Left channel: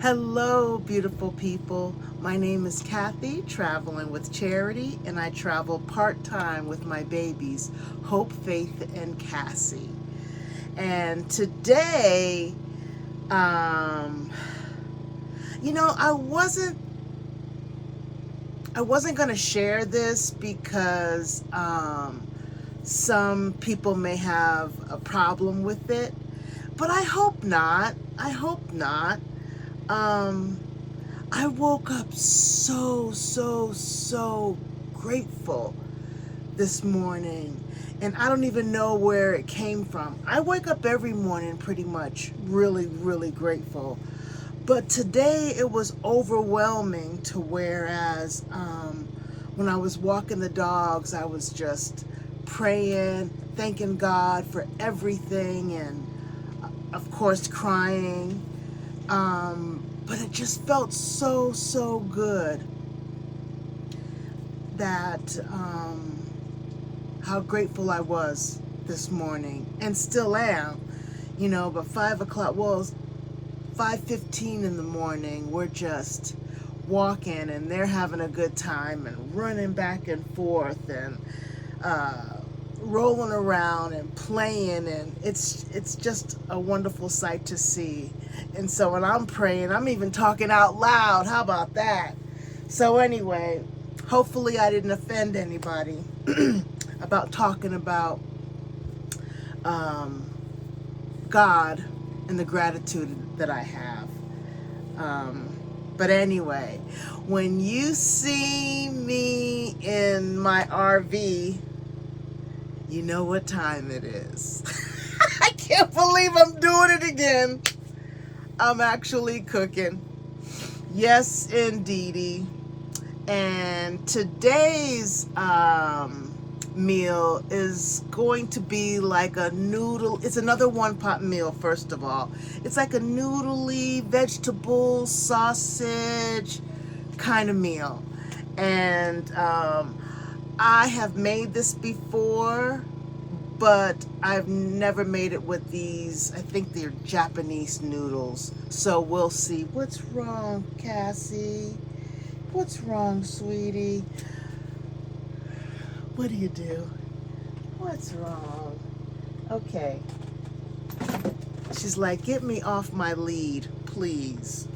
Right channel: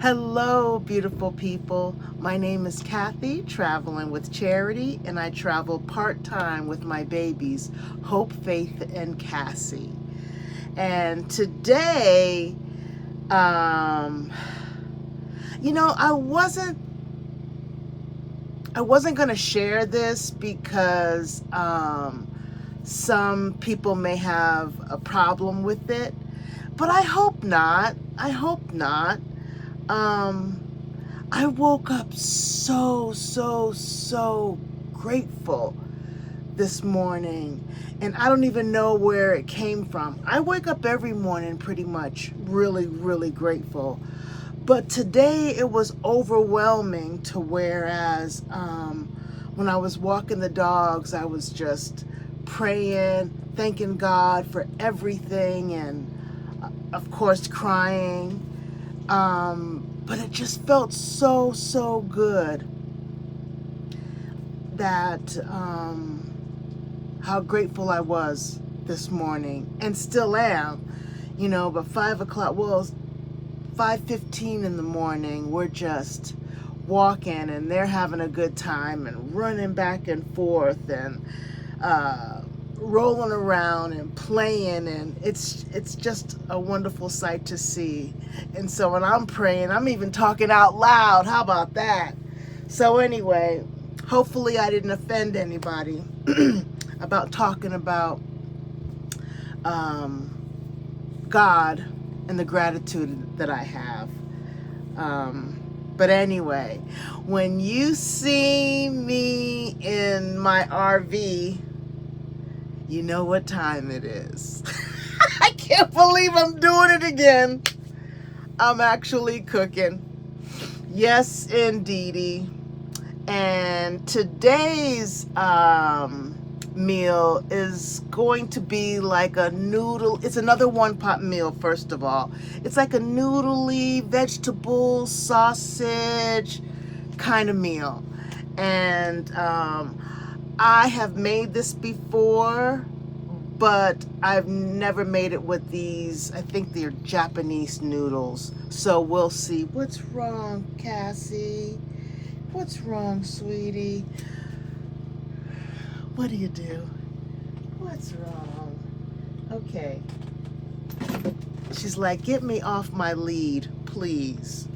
Hello, beautiful people. My name is Kathy, traveling with Charity, and I travel part-time with my babies, Hope, Faith, and Cassie. And today, um, I wasn't gonna share this because some people may have a problem with it, but I hope not. I hope not. Um, I woke up so grateful this morning, and I don't even know where it came from. I wake up every morning pretty much really grateful. But today it was overwhelming to whereas when I was walking the dogs, I was just praying, thanking God for everything, and of course crying. But it just felt so good that how grateful I was this morning, and still am. But 5 o'clock, well, it's 5:15 in the morning. We're just walking, and they're having a good time and running back and forth and uh, rolling around and playing, and it's just a wonderful sight to see. And so when I'm praying, I'm even talking out loud. How about that? So anyway, hopefully I didn't offend anybody about talking about um, God and the gratitude that I have. But anyway, when you see me in my RV, you know what time it is. I can't believe I'm doing it again. I'm actually cooking. Yes, indeedy. And today's meal is going to be like a noodle. It's another one-pot meal, first of all. It's like a noodly, vegetable, sausage kind of meal. And I have made this before, but I've never made it with these. I think they're Japanese noodles. So we'll see. What's wrong, Cassie? What's wrong, sweetie? What do you do? What's wrong? Okay. She's like, get me off my lead, please.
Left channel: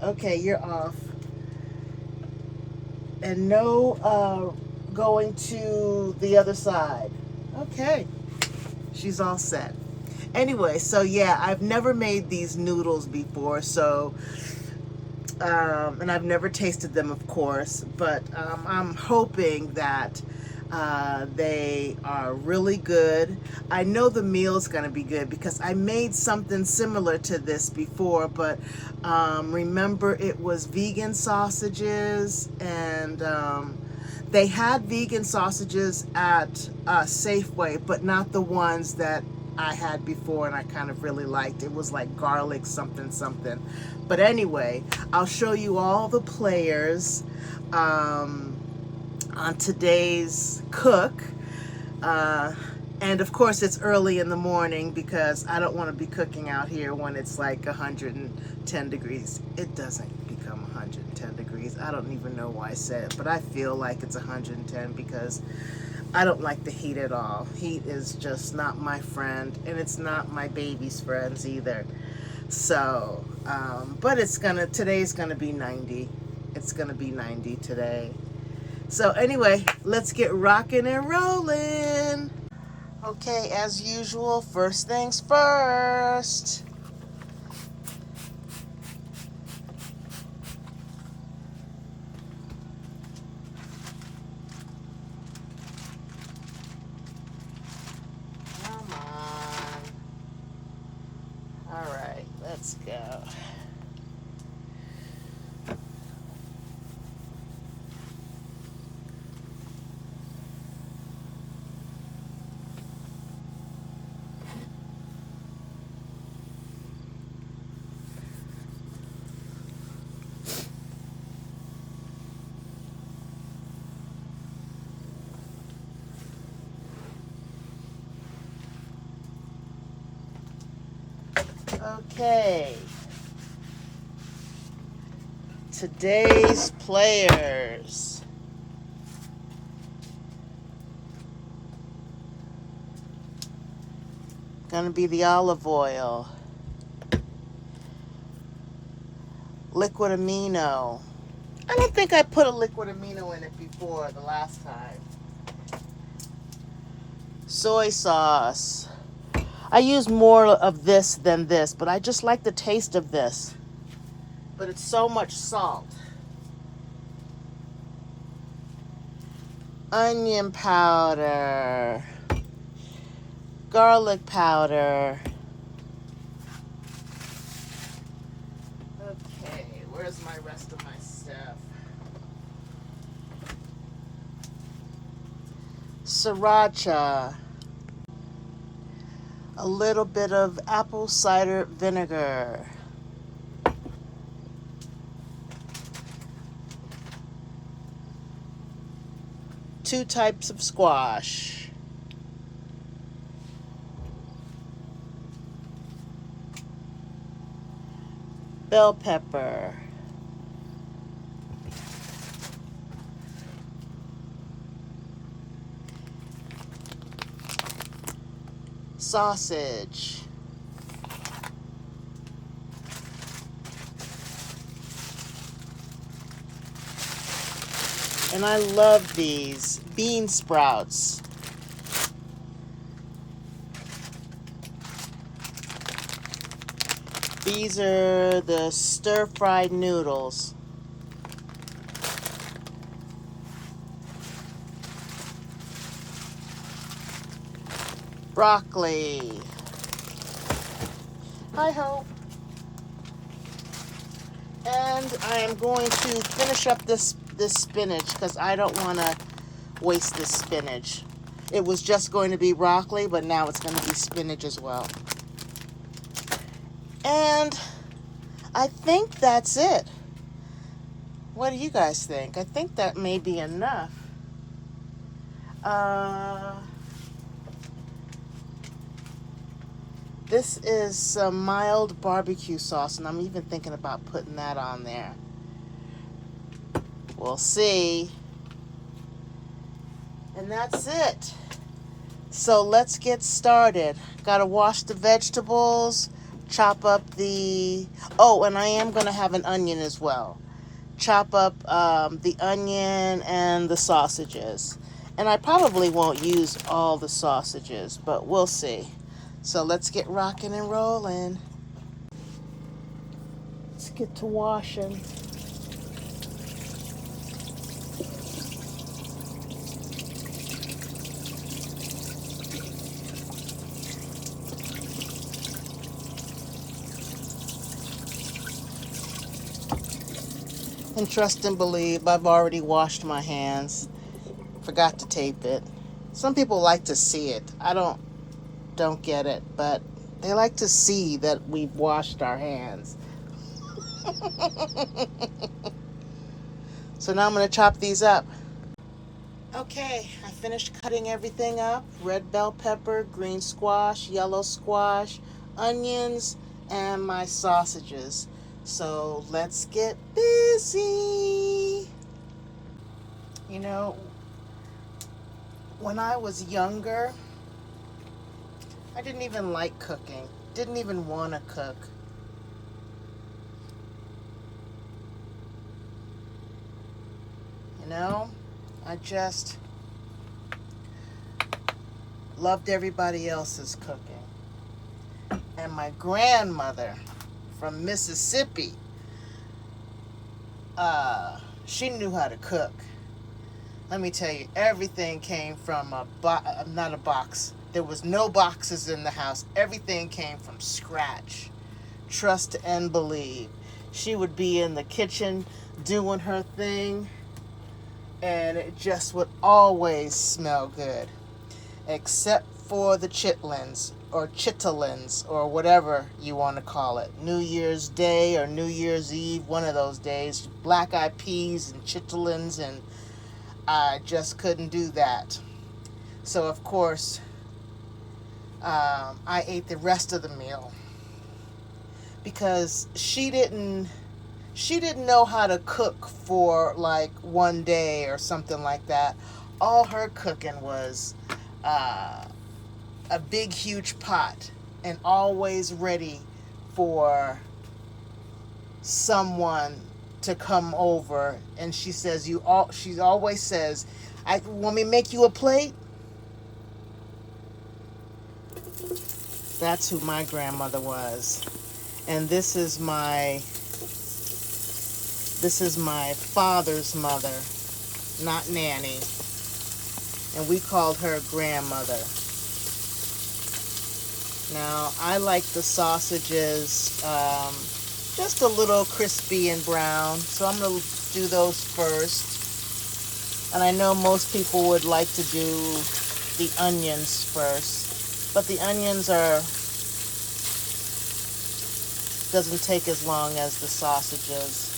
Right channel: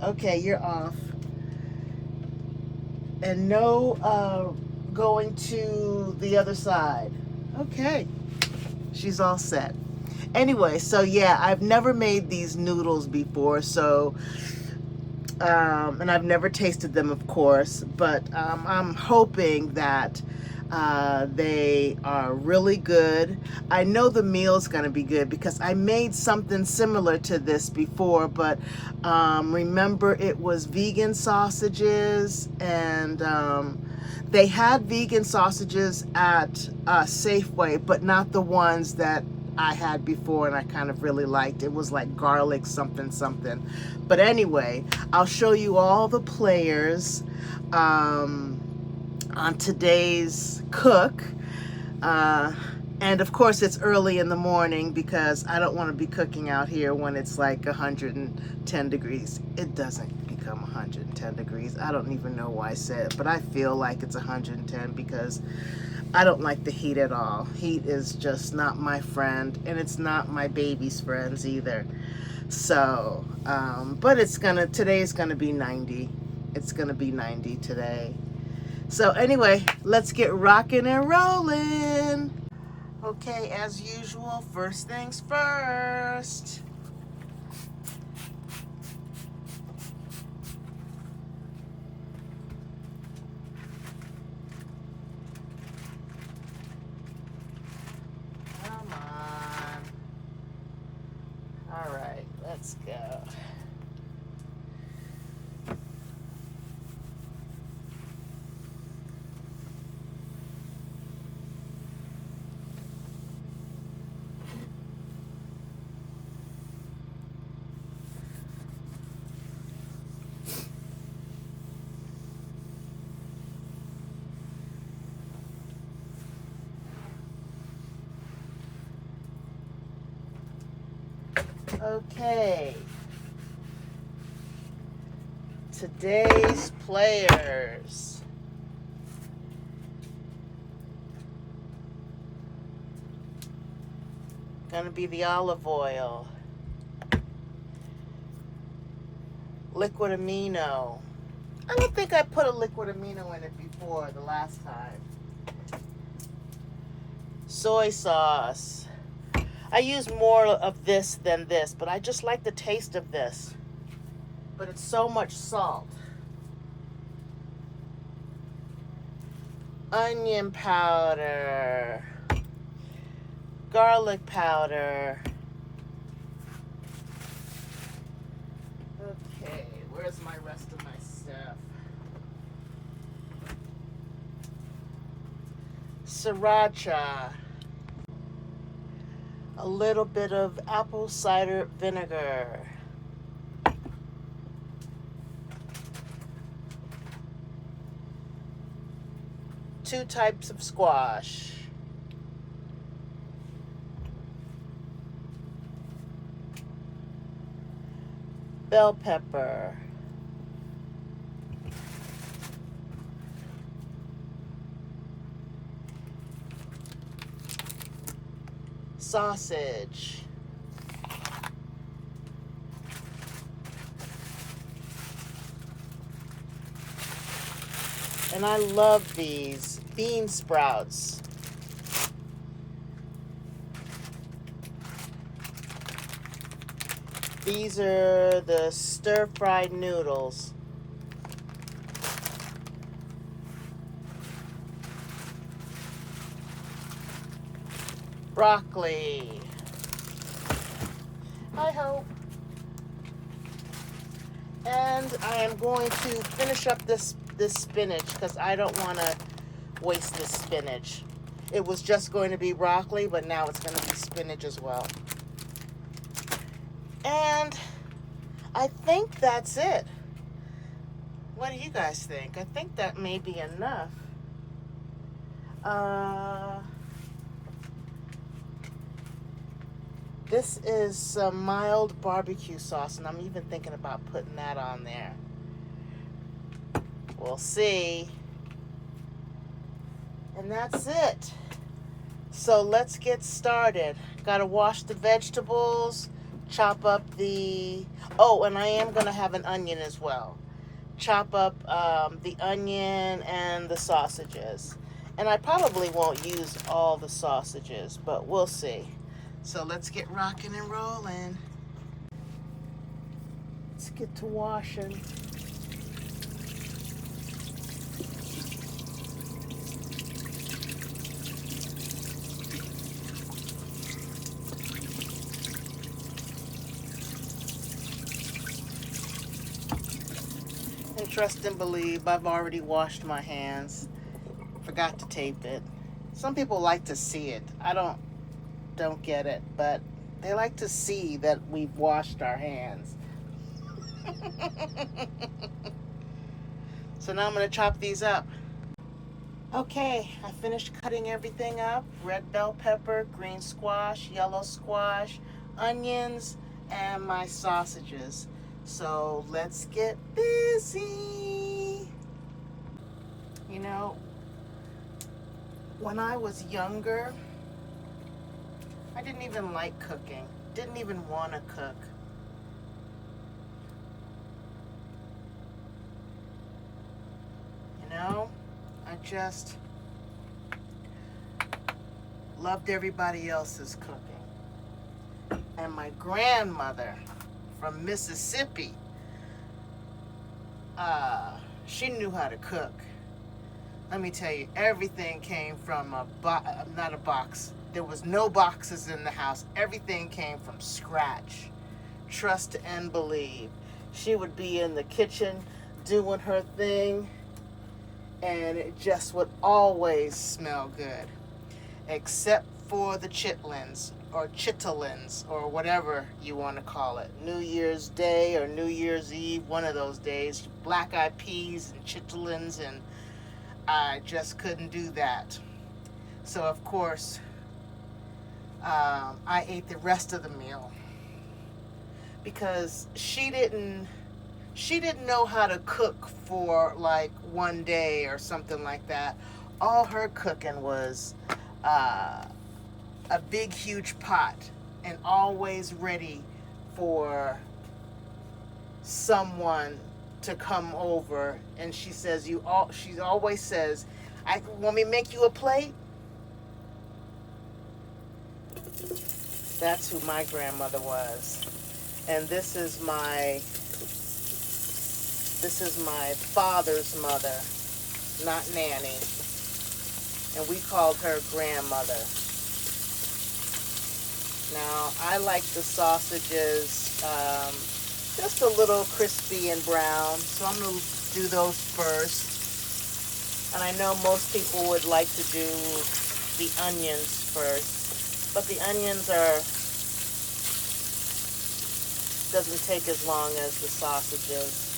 Okay, you're off. And no going to the other side. Okay. She's all set. Anyway, so yeah, I've never made these noodles before, so and I've never tasted them, of course, but I'm hoping that they are really good. I know the meal's going to be good because I made something similar to this before, but remember it was vegan sausages, and they had vegan sausages at Safeway, but not the ones that I had before and I kind of really liked. It was like garlic something. But anyway, I'll show you all the players on today's cook. And of course it's early in the morning because I don't want to be cooking out here when it's like 110 degrees. It doesn't become 110 degrees. I don't even know why I said it, but I feel like it's 110 because I don't like the heat at all. Heat is just not my friend, and it's not my baby's friends either. So, but today's gonna be 90. It's gonna be 90 today. So anyway, let's get rocking and rolling. Okay, as usual, first things first. Come on. All right, let's go. Okay. today's players. Gonna be the olive oil, liquid amino. I don't think I put a liquid amino in it before the last time. Soy sauce. I use more of this than this, but I just like the taste of this. But it's so much salt. Onion powder. Garlic powder. Okay, where's my rest of my stuff? Sriracha. A little bit of apple cider vinegar. Two types of squash. Bell pepper. Sausage. And I love these bean sprouts. These are the stir-fried noodles. Broccoli. Hi ho. And I am going to finish up this spinach because I don't want to waste this spinach. It was just going to be broccoli, but now it's going to be spinach as well. And I think that's it. What do you guys think? I think that may be enough. This is some mild barbecue sauce, and I'm even thinking about putting that on there. We'll see. And that's it. So let's get started. Gotta wash the vegetables, chop up the... Oh, and I am gonna have an onion as well. Chop up the onion and the sausages. And I probably won't use all the sausages, but we'll see. So let's get rocking and rolling. Let's get to washing. And trust and believe, I've already washed my hands. Forgot to tape it. Some people like to see it. I don't get it, but they like to see that we've washed our hands. So now I'm going to chop these up. Okay, I finished cutting everything up. Red bell pepper, green squash, yellow squash, onions, and my sausages. So let's get busy. You know, when I was younger, I didn't even like cooking. Didn't even want to cook. You know, I just loved everybody else's cooking. And my grandmother from Mississippi, she knew how to cook. Let me tell you, everything came from not a box. There was no boxes in the house. Everything came from scratch. Trust and believe. She would be in the kitchen doing her thing, and it just would always smell good. Except for the chitlins, or chitterlings, or whatever you want to call it. New Year's Day or New Year's Eve, one of those days. Black-eyed peas and chitterlings, and I just couldn't do that. So, of course, I ate the rest of the meal because she she didn't know how to cook for like one day or something like that. All her cooking was a big, huge pot and always ready for someone to come over. And she says, she always says, "I want me to make you a plate?" That's who my grandmother was. And this is my father's mother, not Nanny. And we called her grandmother. Now, I like the sausages just a little crispy and brown, so I'm going to do those first. And I know most people would like to do the onions first, but the onions doesn't take as long as the sausages.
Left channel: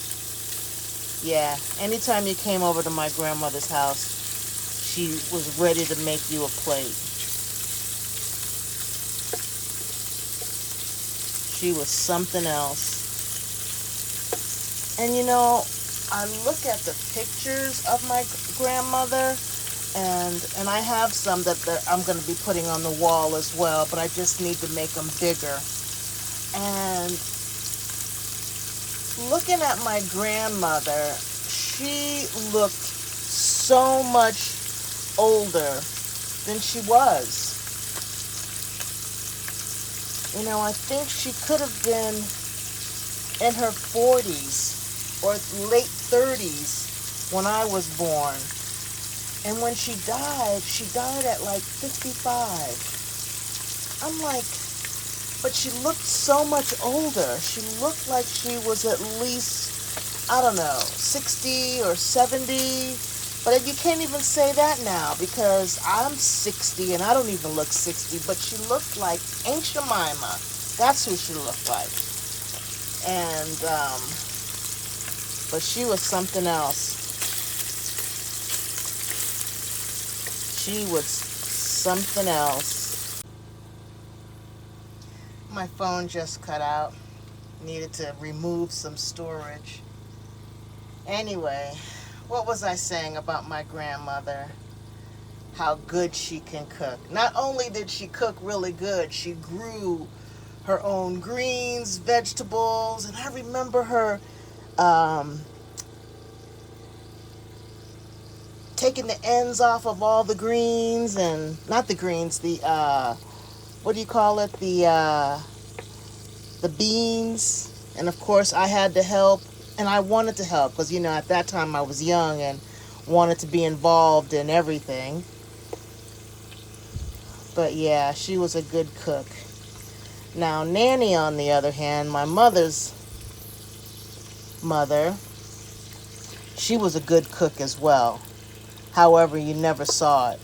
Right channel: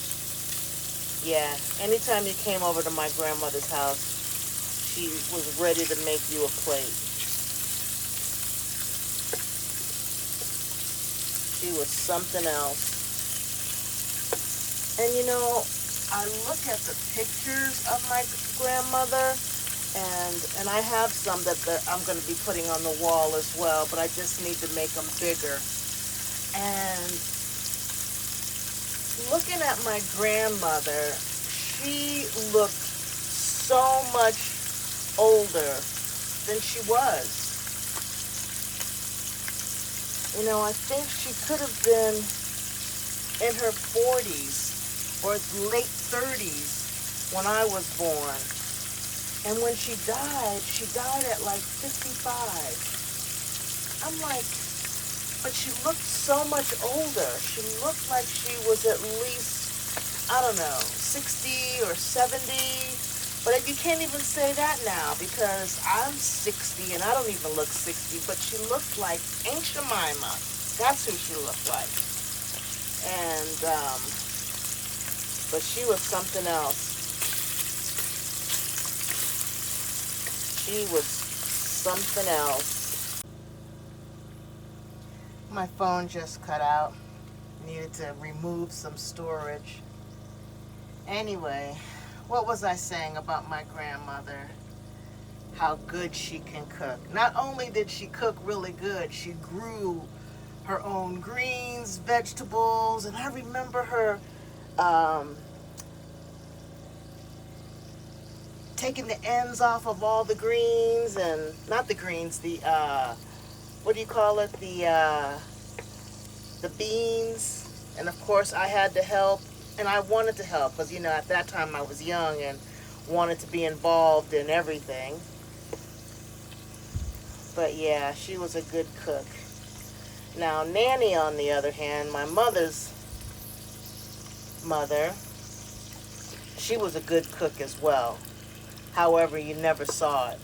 Yeah, anytime you came over to my grandmother's house, she was ready to make you a plate. She was something else. And you know, I look at the pictures of my grandmother, and I have some that I'm going to be putting on the wall as well, but I just need to make them bigger. And looking at my grandmother, she looked so much older than she was. You know, I think she could have been in her 40s or late 30s when I was born. And when she died at like 55. I'm like, but she looked so much older. She looked like she was at least, I don't know, 60 or 70. But you can't even say that now because I'm 60 and I don't even look 60. But she looked like Aunt Jemima. That's who she looked like. And, but she was something else. She was something else. My phone just cut out. Needed to remove some storage. Anyway, what was I saying about my grandmother? How good she can cook. Not only did she cook really good, she grew her own greens, vegetables, and I remember her taking the ends off of all the greens, and not the greens, the what do you call it, the beans. And of course I had to help, and I wanted to help because, you know, at that time I was young and wanted to be involved in everything. But yeah, she was a good cook. Now Nanny, on the other hand, my mother's mother, she was a good cook as well. However, you never saw it.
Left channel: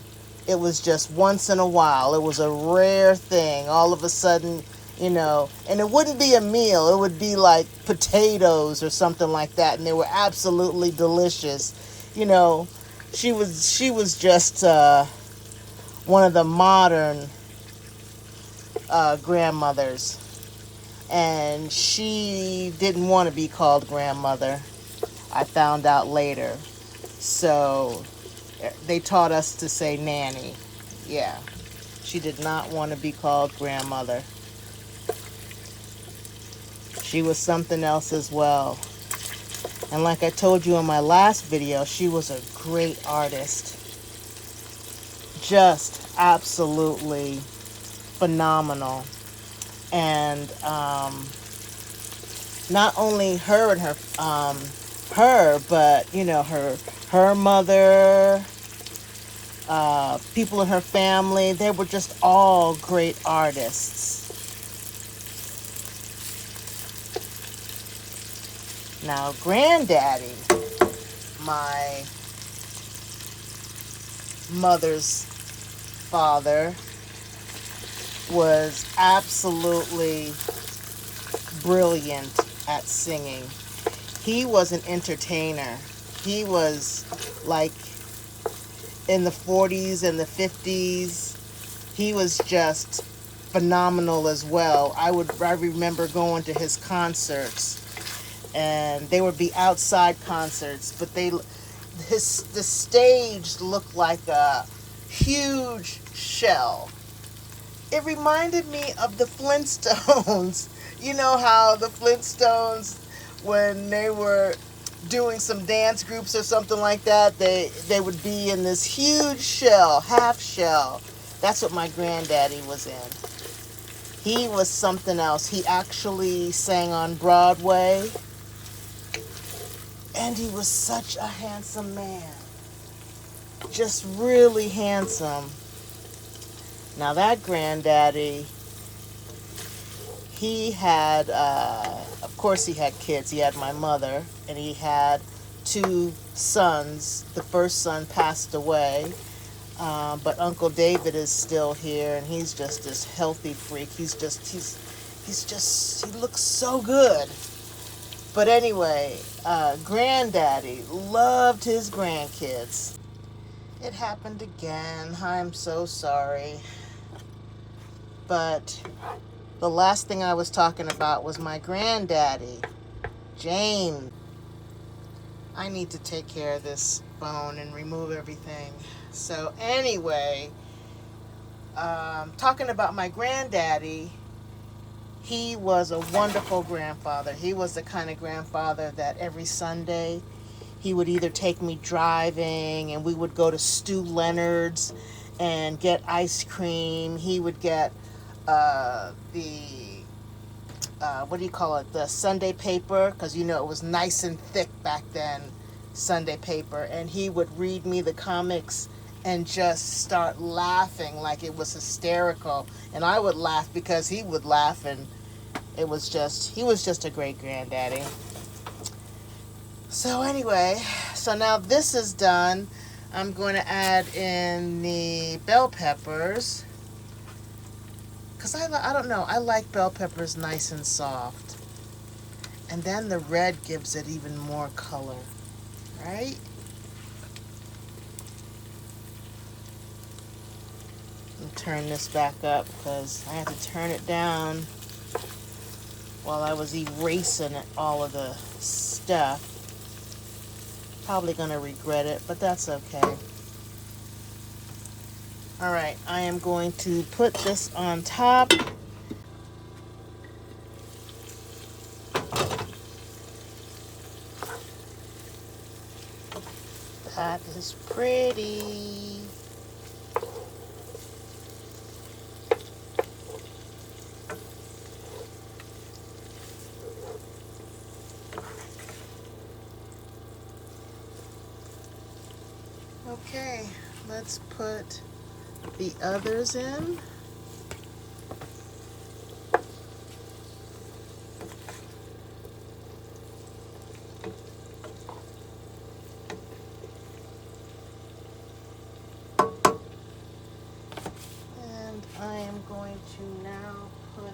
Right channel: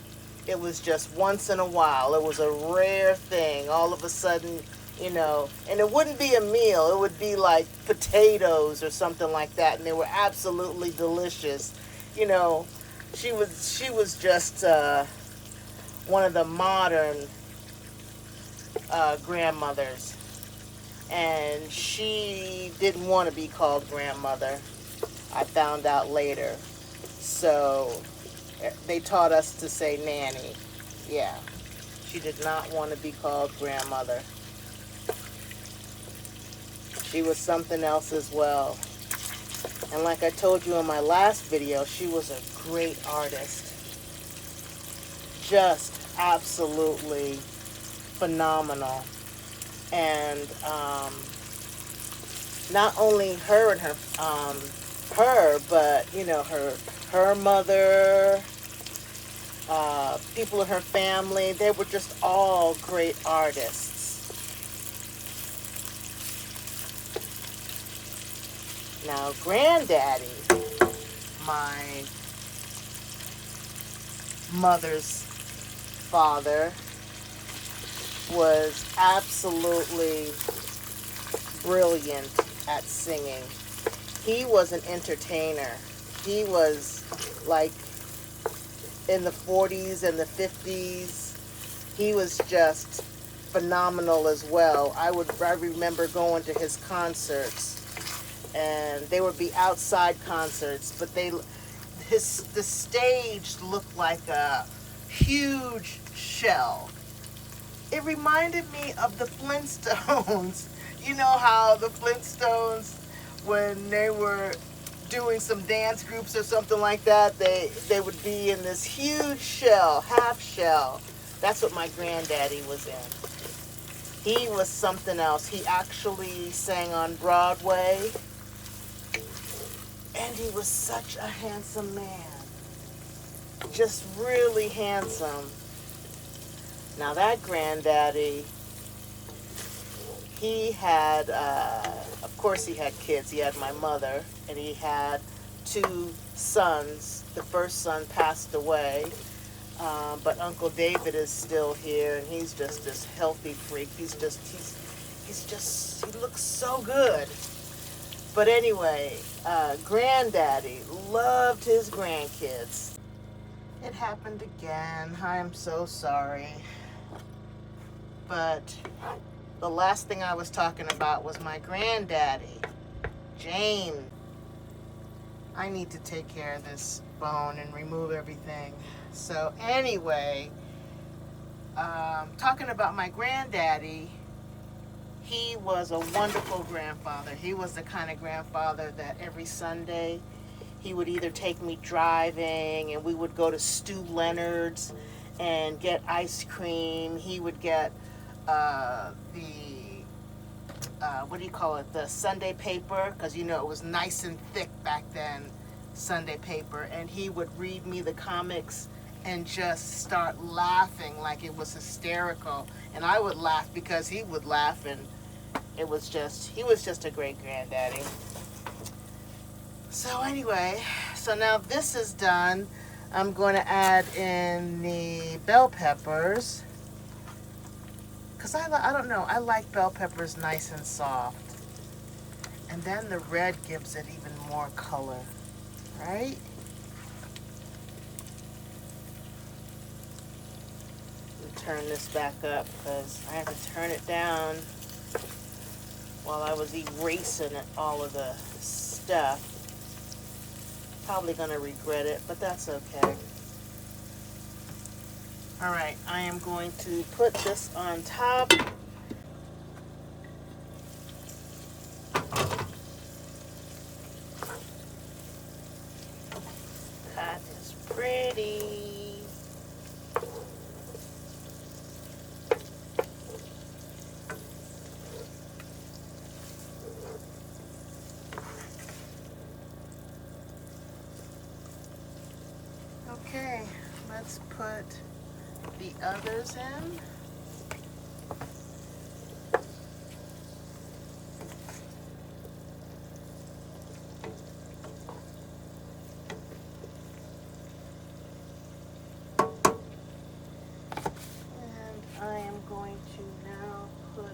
It was just once in a while. It was a rare thing. All of a sudden, you know, and it wouldn't be a meal. It would be like potatoes or something like that, and they were absolutely delicious. You know, she was just one of the modern grandmothers, and she didn't want to be called grandmother. I found out later. So they taught us to say Nanny. Yeah, she did not want to be called grandmother. She was something else as well. And like I told you in my last video, she was a great artist. Just absolutely phenomenal. And not only her and her, but you know, her mother, people in her family, they were just all great artists. Now, Granddaddy, my mother's father, was absolutely brilliant at singing. He was an entertainer. He was like in the 40s and the 50s. He was just phenomenal as well. I remember going to his concerts, and they would be outside concerts, but the stage looked like a huge shell. It reminded me of the Flintstones. You know how the Flintstones, when they were doing some dance groups or something like that, they would be in this huge shell, half shell. That's what my granddaddy was in. He was something else. He actually sang on Broadway, and he was such a handsome man. Just really handsome. Now that granddaddy, he had, of course he had kids. He had my mother, and he had 2 sons. The first son passed away, but Uncle David is still here, and he's just this healthy freak. He looks so good. But anyway, granddaddy loved his grandkids. It happened again. I'm so sorry. But the last thing I was talking about was my granddaddy, James. I need to take care of this bone and remove everything. So anyway, talking about my granddaddy, he was a wonderful grandfather. He was the kind of grandfather that every Sunday he would either take me driving, and we would go to Stu Leonard's and get ice cream. He would get what do you call it, the Sunday paper, because you know it was nice and thick back then, Sunday paper, and he would read me the comics and just start laughing like it was hysterical, and I would laugh because he would laugh, and he was just a great granddaddy. So anyway, so now this is done. I'm going to add in the bell peppers, because I don't know, I like bell peppers nice and soft. And then the red gives it even more color, right? Let me turn this back up because I have to turn it down while I was erasing all of the stuff. Probably going to regret it, but that's okay. All right, I am going to put this on top. That is pretty. Okay, let's put the others in. And I am going to now put in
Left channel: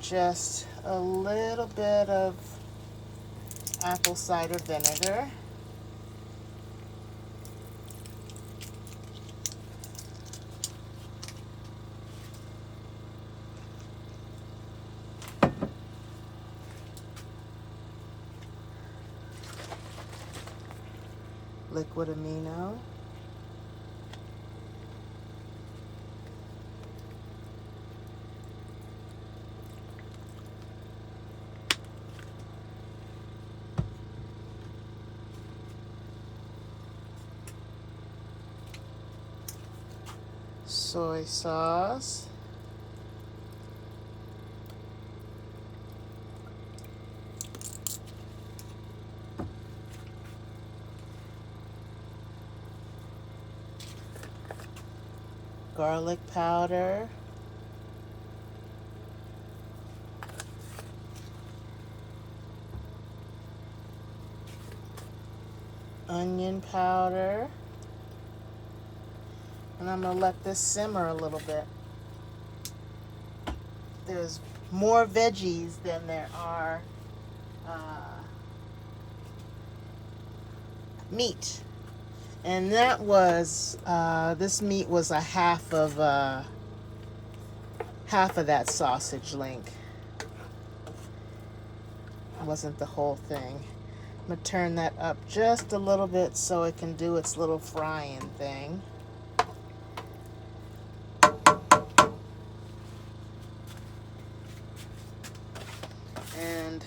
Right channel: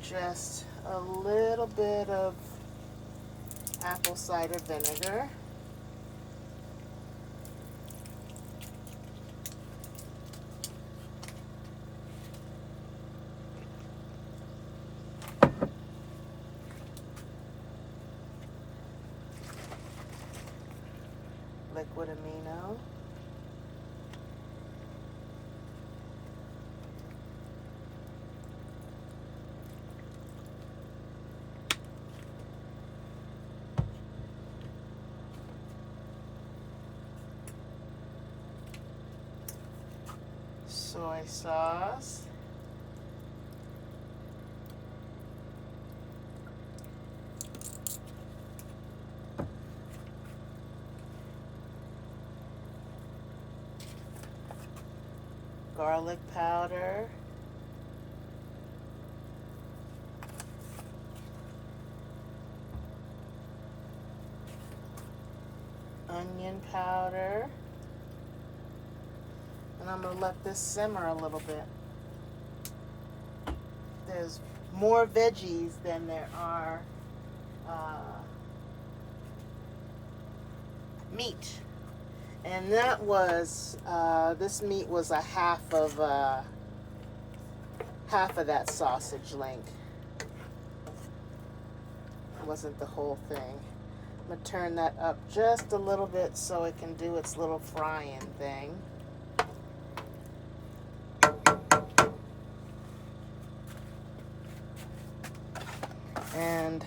just a little bit of apple cider vinegar. Liquid amino. Soy sauce. Garlic powder. Onion powder. And I'm going to let this simmer a little bit. There's more veggies than there are meat. And that was, this meat was a half of that sausage link. wasn't the whole thing. I'm going to turn that up just a little bit so it can do its little frying thing. And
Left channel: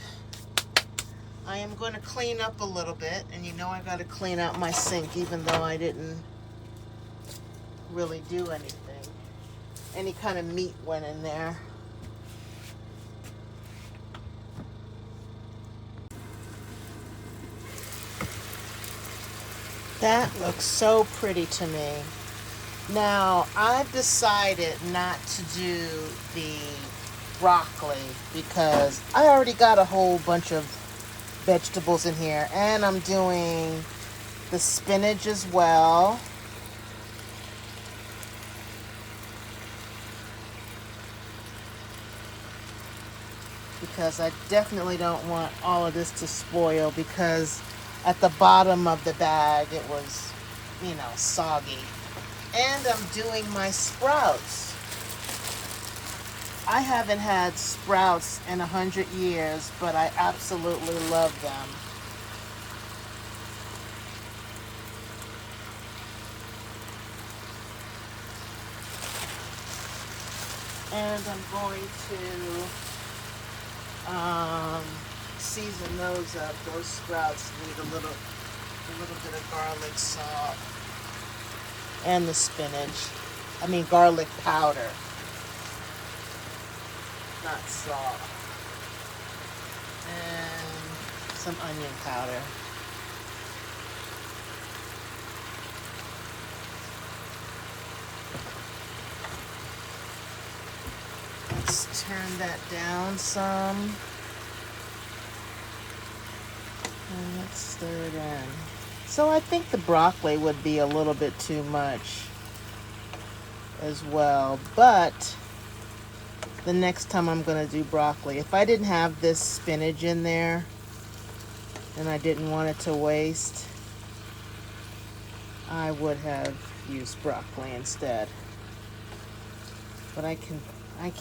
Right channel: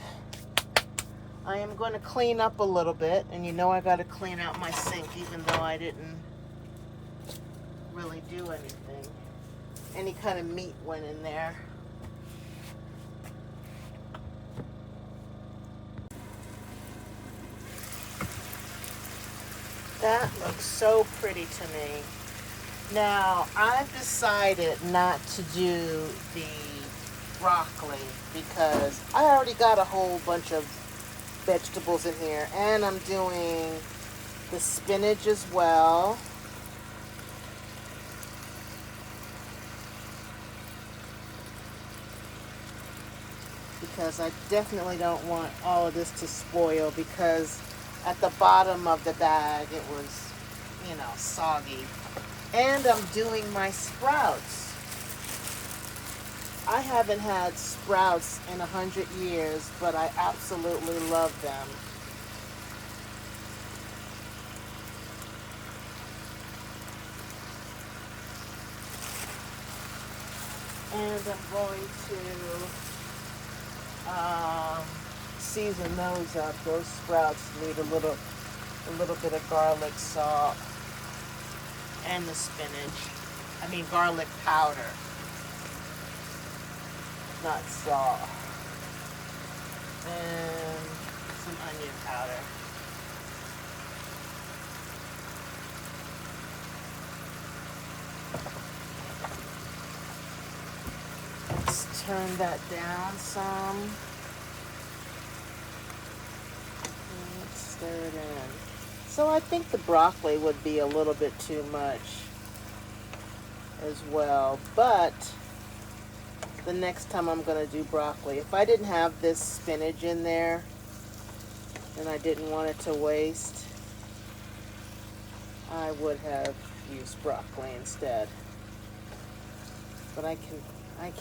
I am going to clean up a little bit, and you know I got to clean out my sink even though I didn't really do anything. Any kind of meat went in there. That looks so pretty to me. Now, I've decided not to do the broccoli because I already got a whole bunch of vegetables in here, and I'm doing the spinach as well. Because I definitely don't want all of this to spoil, because at the bottom of the bag it was, you know, soggy. And I'm doing my sprouts. I haven't had sprouts in 100 years, but I absolutely love them. And I'm going to season those up. Those sprouts need a little bit of garlic salt, and the spinach. I mean garlic powder, not salt, and some onion powder. Let's turn that down some. Let's stir it in. So I think the broccoli would be a little bit too much as well, but the next time I'm going to do broccoli, if I didn't have this spinach in there and I didn't want it to waste, I would have used broccoli instead. But I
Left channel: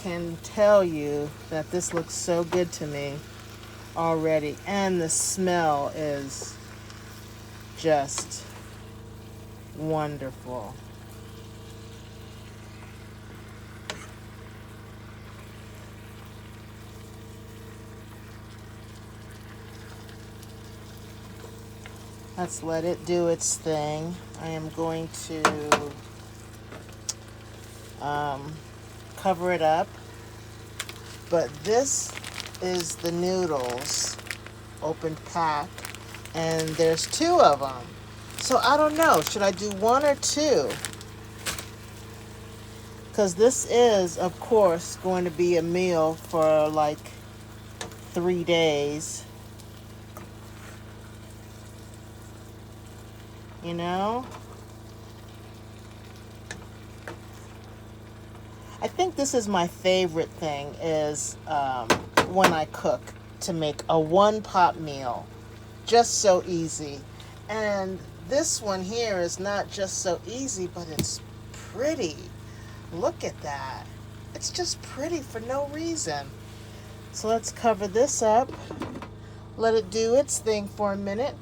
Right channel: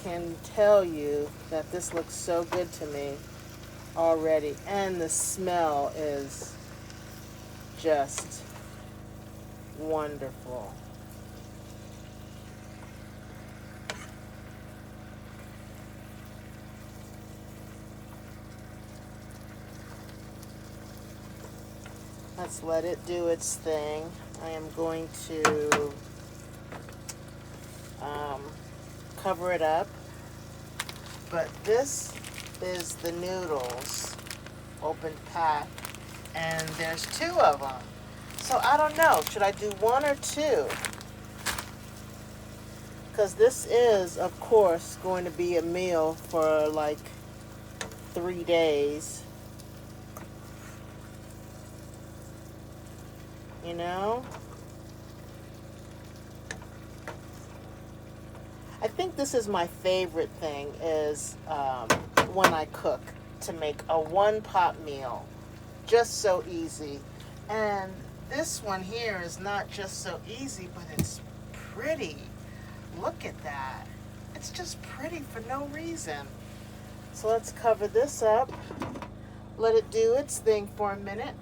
can tell you that this looks so good to me already, and the smell is just wonderful. Let's let it do its thing. I am going to cover it up. But this is the noodles, open pack, and there's 2 of them. So I don't know, should I do 1 or 2? Because this is, of course, going to be a meal for like 3 days. You know? I think this is my favorite thing, is when I cook, to make a 1-pot meal. Just so easy. And this one here is not just so easy, but it's pretty. Look at that. It's just pretty for no reason. So let's cover this up. Let it do its thing for a minute.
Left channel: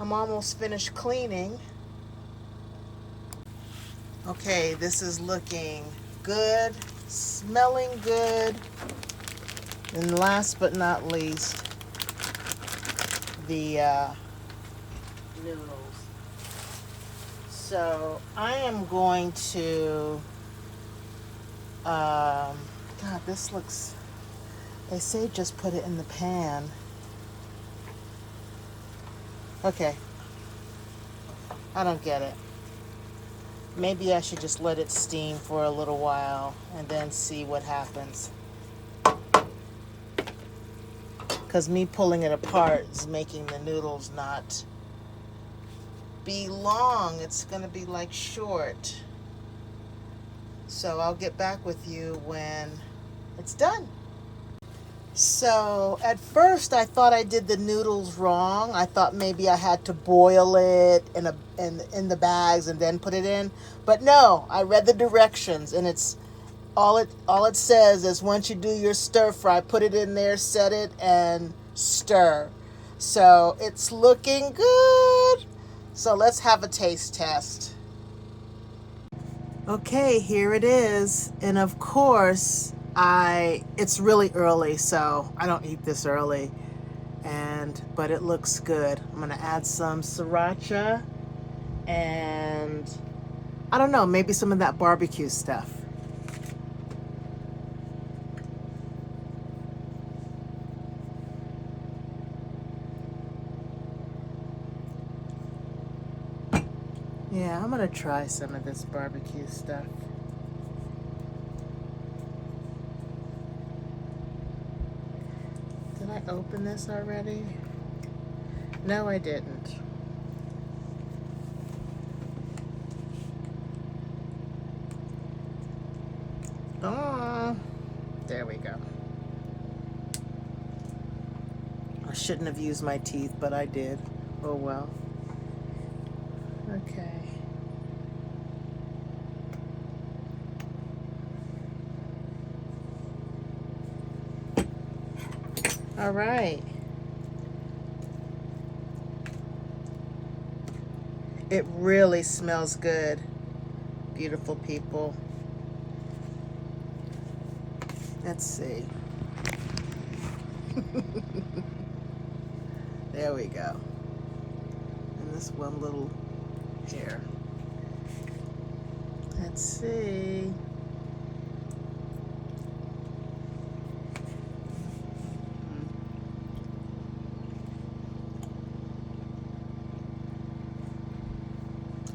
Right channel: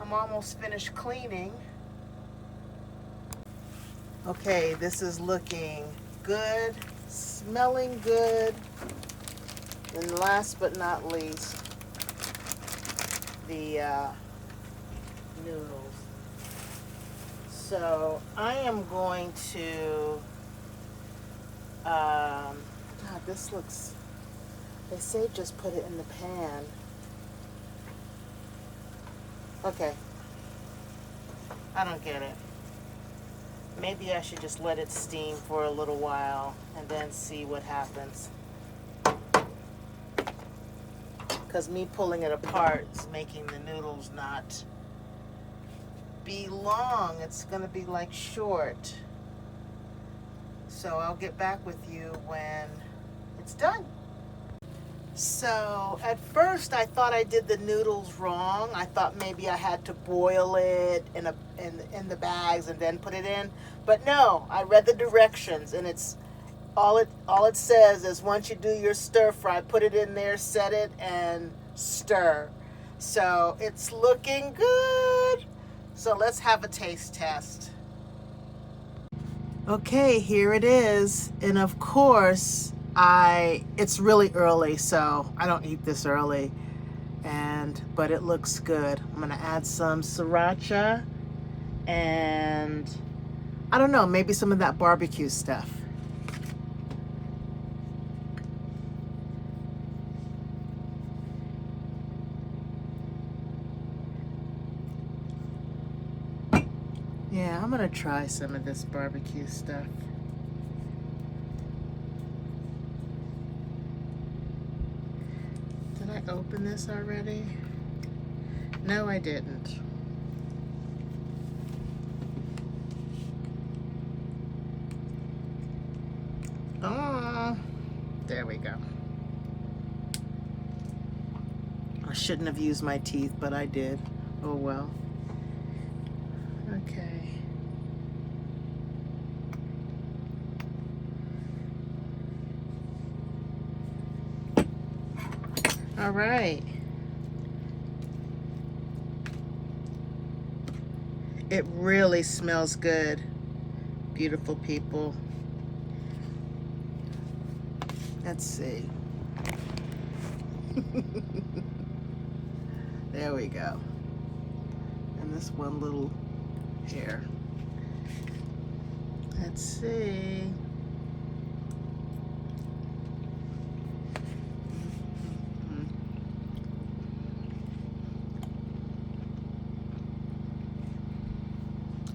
I'm almost finished cleaning. Okay, this is looking good, smelling good. And last but not least, the noodles. So I am going to, God, this looks, they say just put it in the pan. Okay, I don't get it. Maybe I should just let it steam for a little while and then see what happens. Because me pulling it apart is making the noodles not be long. It's going to be like short. So I'll get back with you when it's done. So at first I thought I did the noodles wrong. I thought maybe I had to boil it in the bags and then put it in. But no, I read the directions, and it's all it says is once you do your stir fry, put it in there, set it, and stir. So it's looking good. So let's have a taste test. Okay, here it is. And of course, it's really early, so I don't eat this early. But it looks good. I'm gonna add some sriracha and I don't know, maybe some of that barbecue stuff. Yeah, I'm gonna try some of this barbecue stuff. Did I open this already? No, I didn't. Oh, there we go. I shouldn't have used my teeth, but I did. Oh well. Okay. All right. It really smells good, beautiful people. Let's see. There we go. And this one little here. Let's see.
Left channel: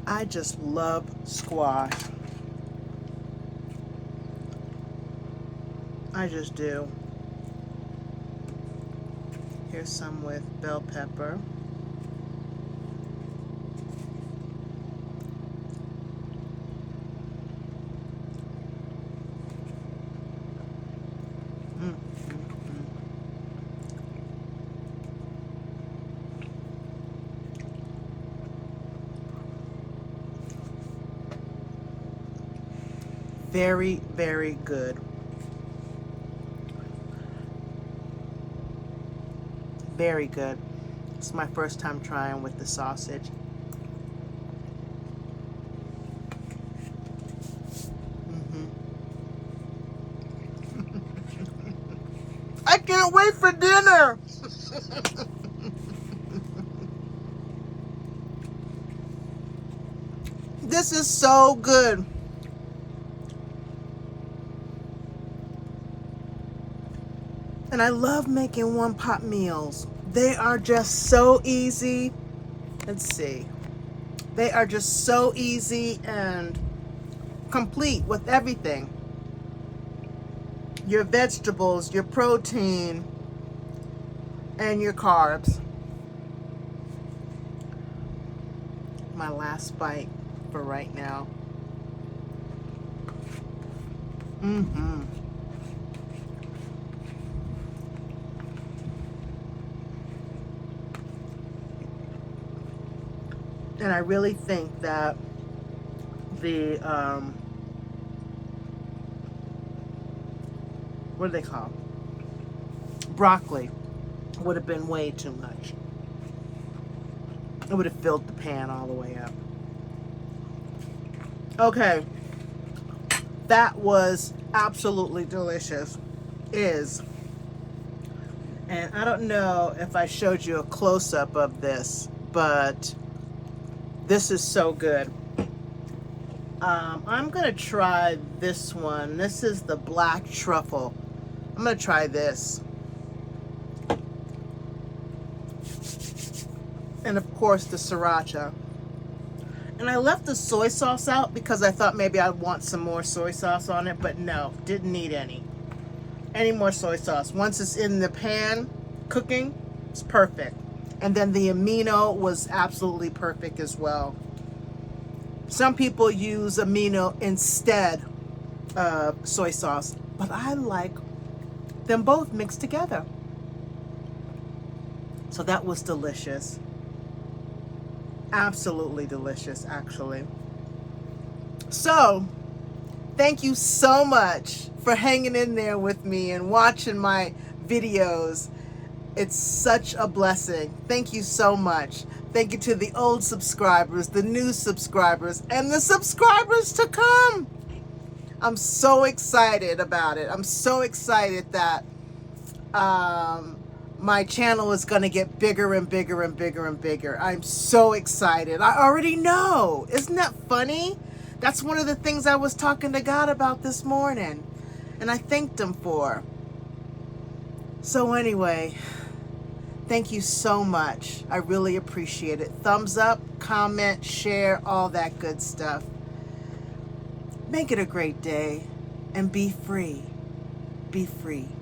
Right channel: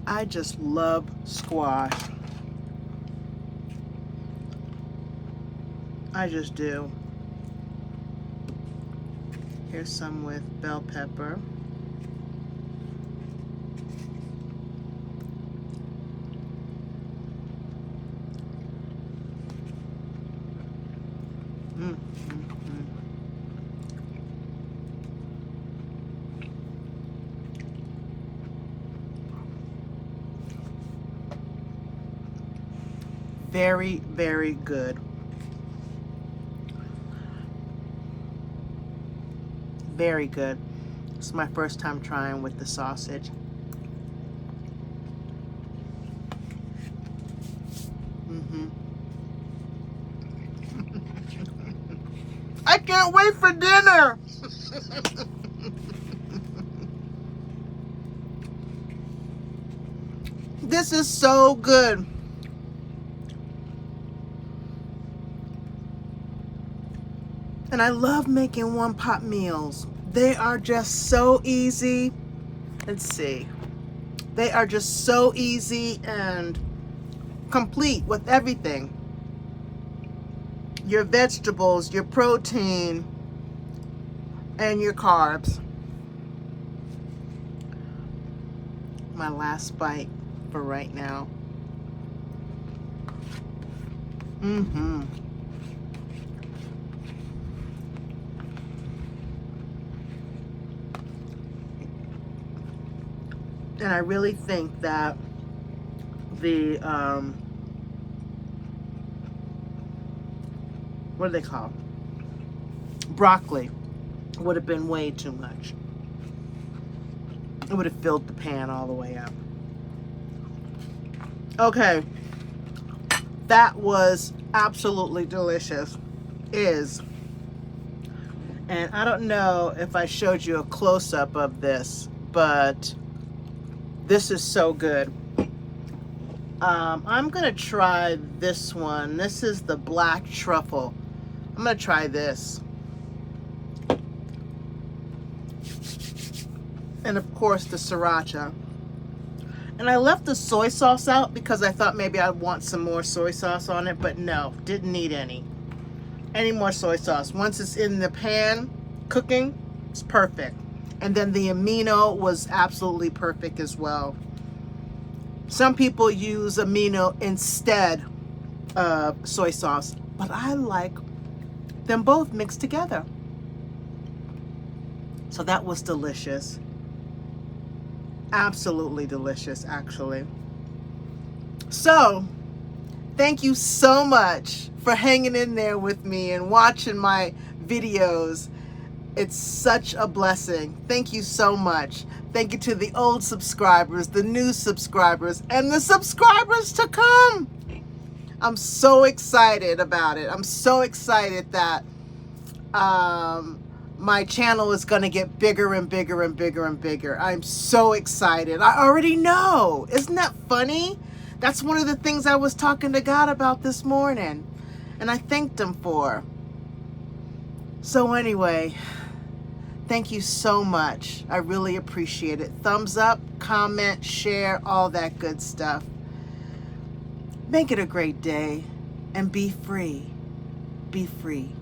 I just love squash. I just do. Here's some with bell pepper. Very, very good. Very good. It's my first time trying with the sausage. I can't wait for dinner. This is so good. And I love making one-pot meals. They are just so easy. Let's see. They are just so easy and complete with everything. Your vegetables, your protein, and your carbs. My last bite for right now. And I really think that the, what do they call it? Broccoli would have been way too much. It would have filled the pan all the way up. Okay. That was absolutely delicious. And I don't know if I showed you a close-up of this, but this is so good. I'm gonna try this one. This is the black truffle. I'm gonna try this. And of course the sriracha. And I left the soy sauce out because I thought maybe I'd want some more soy sauce on it, but no, didn't need any more soy sauce. Once it's in the pan cooking, it's perfect. And then the amino was absolutely perfect as well. Some people use amino instead of soy sauce, but I like them both mixed together. So that was delicious. Absolutely delicious, actually. So, thank you so much for hanging in there with me and watching my videos. It's such a blessing. Thank you so much. Thank you to the old subscribers, the new subscribers, and the subscribers to come. I'm so excited about it. I'm so excited that my channel is going to get bigger and bigger and bigger and bigger. I'm so excited. I already know. Isn't that funny? That's one of the things I was talking to God about this morning, and I thanked him for. So anyway, thank you so much. I really appreciate it. Thumbs up, comment, share, all that good stuff. Make it a great day and be free. Be free.